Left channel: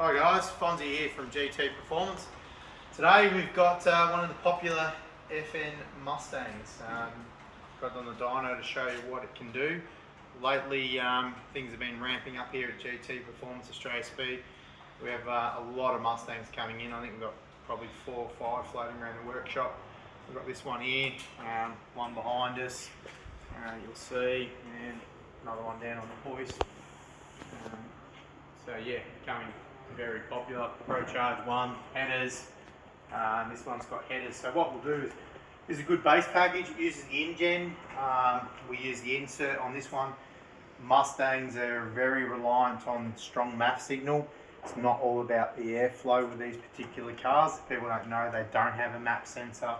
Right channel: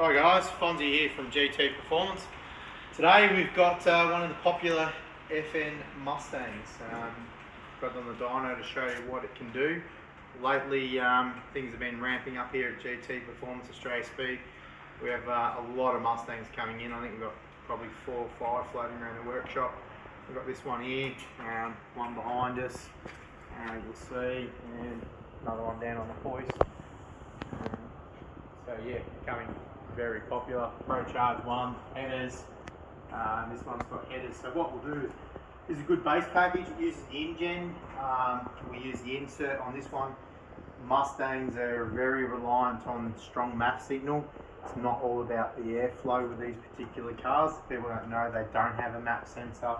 Hi guys, Fonzie here from GT Performance. Today we've got one of the popular FN Mustangs. Got on the dyno to show you what it can do. Lately things have been ramping up here at GT Performance Australia Speed. We have a lot of Mustangs coming in. I think we've got probably 4 or 5 floating around the workshop. We've got this one here, one behind us, you'll see, and another one down on the hoist. So yeah, becoming very popular. Pro Charge 1 headers. This one's got headers. So what we'll do is a good base package. It uses the InGen. We use the insert on this one. Mustangs are very reliant on strong MAF signal. It's not all about the airflow with these particular cars. People don't know they don't have a MAP sensor.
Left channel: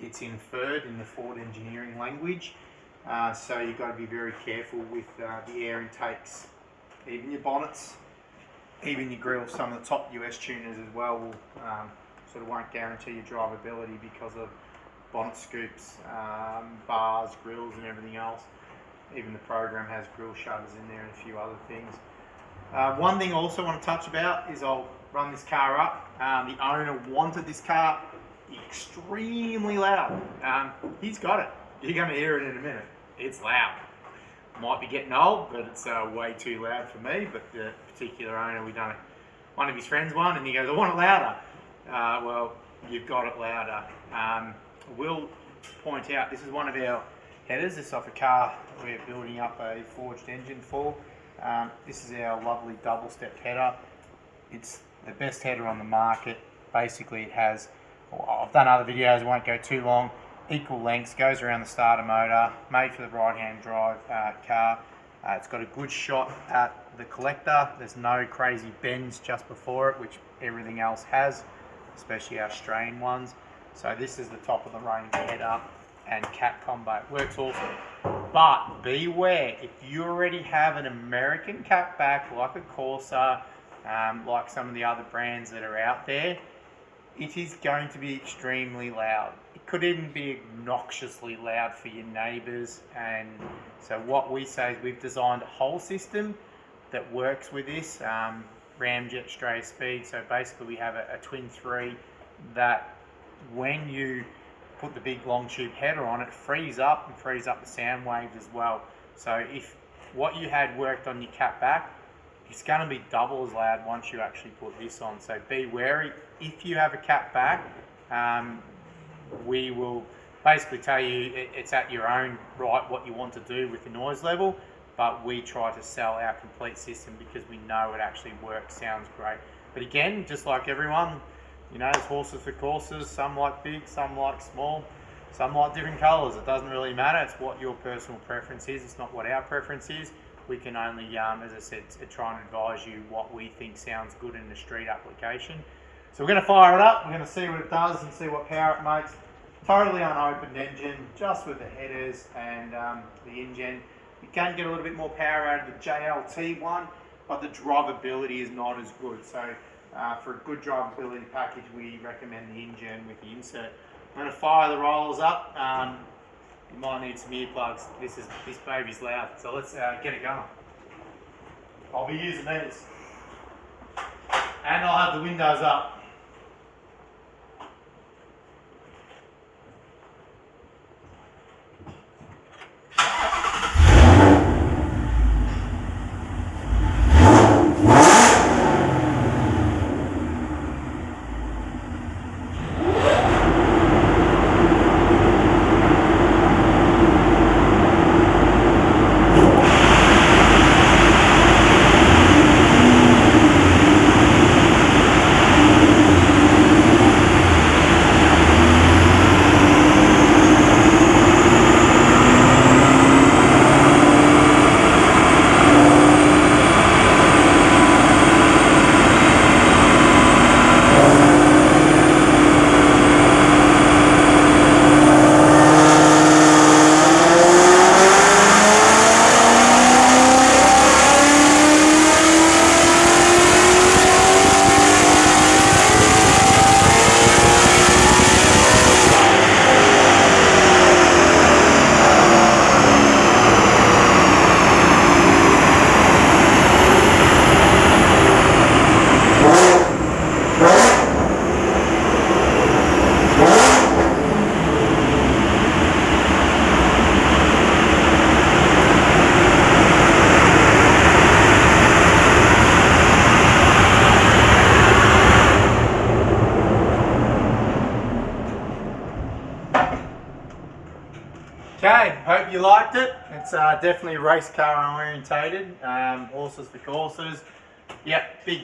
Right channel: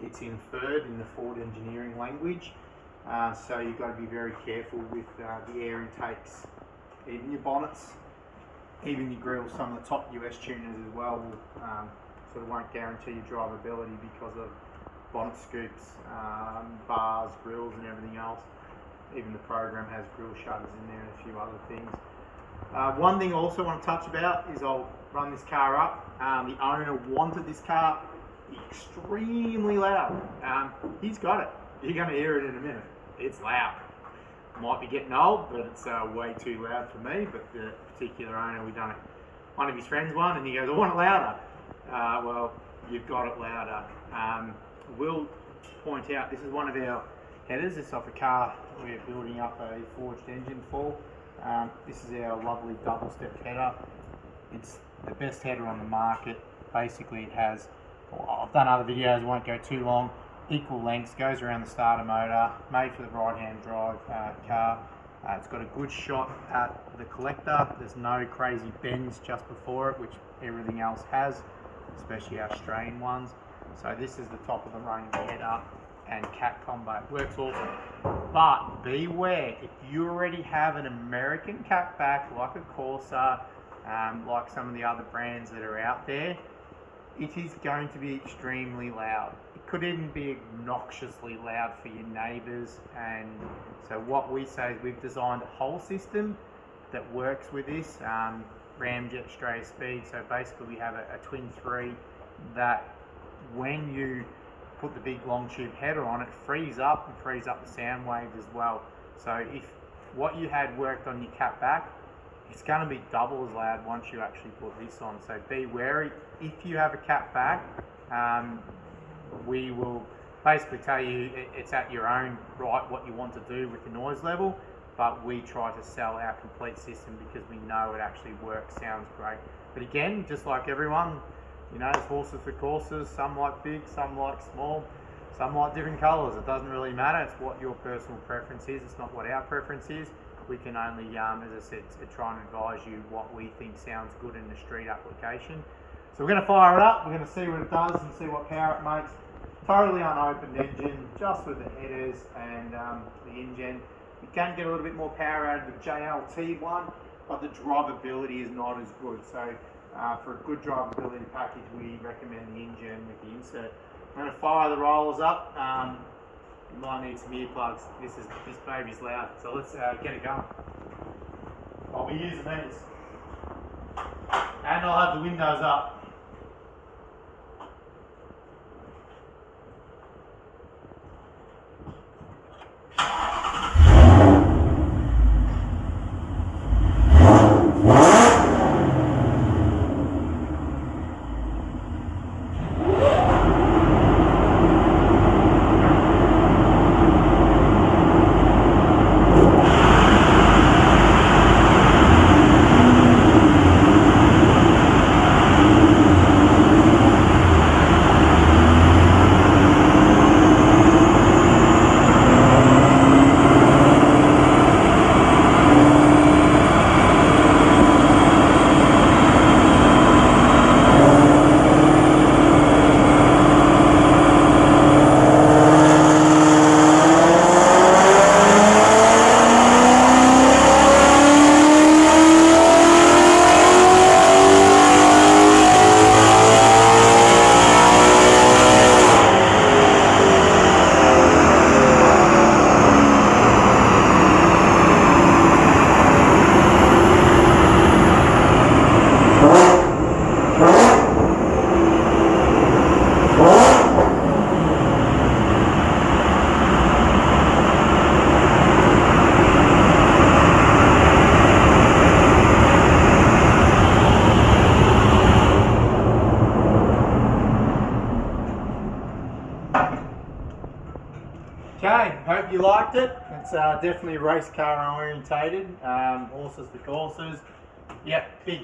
It's inferred in the Ford engineering language. So you've got to be very careful with the air intakes, even your bonnets, even your grills. Some of the top US tuners as well will sort of won't guarantee your drivability because of bonnet scoops, bars, grills and everything else. Even the program has grill shutters in there and a few other things. One thing I also want to touch about is I'll run this car up. The owner wanted this car extremely loud. He's got it. You're going to hear it in a minute. It's loud. Might be getting old, but it's way too loud for me. But the particular owner, one of his friends won, and he goes, I want it louder. Well, you've got it louder. We'll point out, this is one of our headers. This is off a car we're building up a forged engine for. This is our lovely double-step header. It's the best header on the market. Basically, it has, I've done other videos, won't go too long, equal lengths, goes around the starter motor, made for the right-hand drive car. It's got a good shot at the collector. There's no crazy bends just before it, which everything else has, especially our Australian ones. So this is the top of the range header and cat combo. It works awesome. But beware, if you already have an American catback like a Corsa, like some of the other brands that are out there, it is going to be extremely loud. It could even be obnoxiously loud for your neighbours. And so what we say is we've designed a whole system that works with this, Ramjet Australia Speed. So basically we have a twin 3 that when you put the big long tube header on, it frees up and frees up the sound waves as well. So if what you had worked on your catback, it's going to be double as loud once you actually put this on. So be wary. If you have a catback, we will basically tell you it's at your own right what you want to do with the noise level, but we try to sell our complete system because we know it actually works, sounds great. But again, just like everyone, you know, there's horses for courses. Some like big, some like small, some like different colours. It doesn't really matter. It's what your personal preference is. It's not what our preference is. We can only, as I said, try and advise you what we think sounds good in the street application. So we're going to fire it up. We're going to see what it does and see what power it makes. Totally unopened engine, just with the headers and the InGen. You can get a little bit more power out of the JLT one, but the drivability is not as good. So for a good drivability package, we recommend the InGen with the insert. I'm going to fire the rollers up. You might need some earplugs. This baby's loud, so let's get it going. I'll be using these, and I'll have the windows up. hope you liked it. It's definitely race car orientated, horses for courses. Yeah, big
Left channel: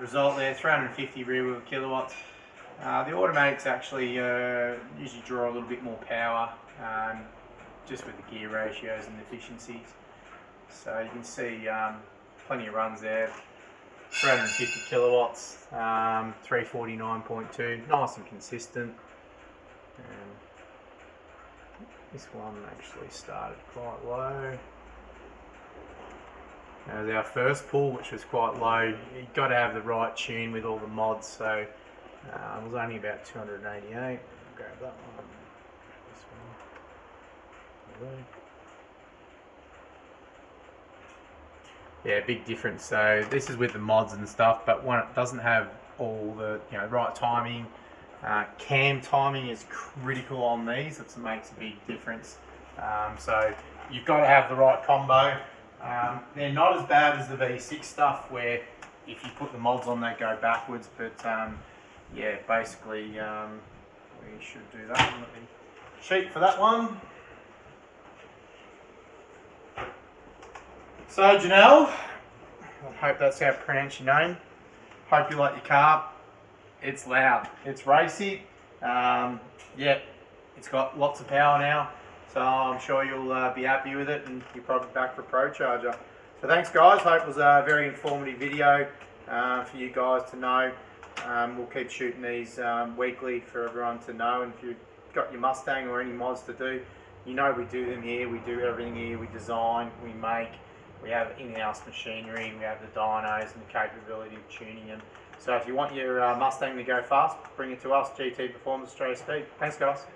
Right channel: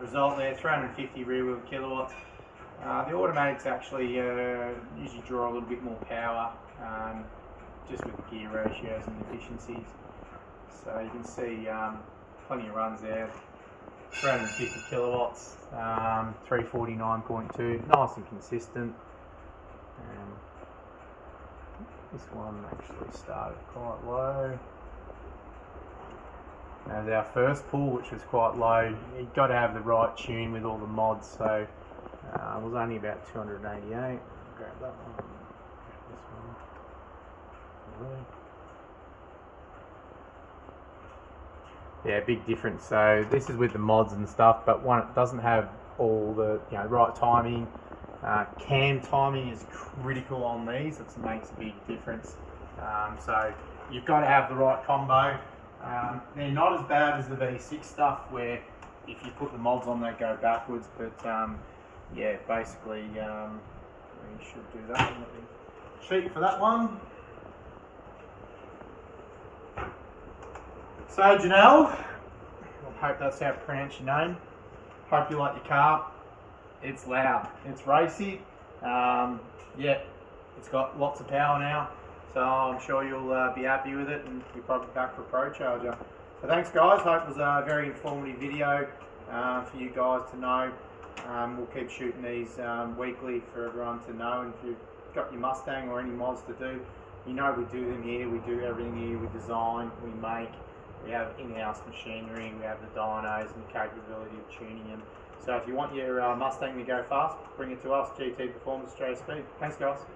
result there, 350 rear wheel kilowatts. The automatics actually usually draw a little bit more power, just with the gear ratios and efficiencies. So you can see plenty of runs there, 350 kilowatts, 349.2, nice and consistent. This one actually started quite low. That was our first pull, which was quite low. You've got to have the right tune with all the mods, so it was only about 288. I'll grab that one. This one. Yeah, big difference. So this is with the mods and stuff, but one, it doesn't have all the right timing. Cam timing is critical on these. It makes a big difference. So you've got to have the right combo. They're not as bad as the V6 stuff, where if you put the mods on, they go backwards. But yeah, basically we should do that one. Let me cheat for that one. So Janelle, I hope that's how to pronounce your name. Hope you like your car. It's loud, it's racy. Yeah, it's got lots of power now, so I'm sure you'll be happy with it, and you're probably back for a Pro Charger. So thanks guys, hope it was a very informative video for you guys to know. We'll keep shooting these weekly for everyone to know, and if you've got your Mustang or any mods to do, we do them here. We do everything here. We design, we make, we have in-house machinery, we have the dynos and the capability of tuning them. So if you want your Mustang to go fast, bring it to us, GT Performance Australia Speed. Thanks guys.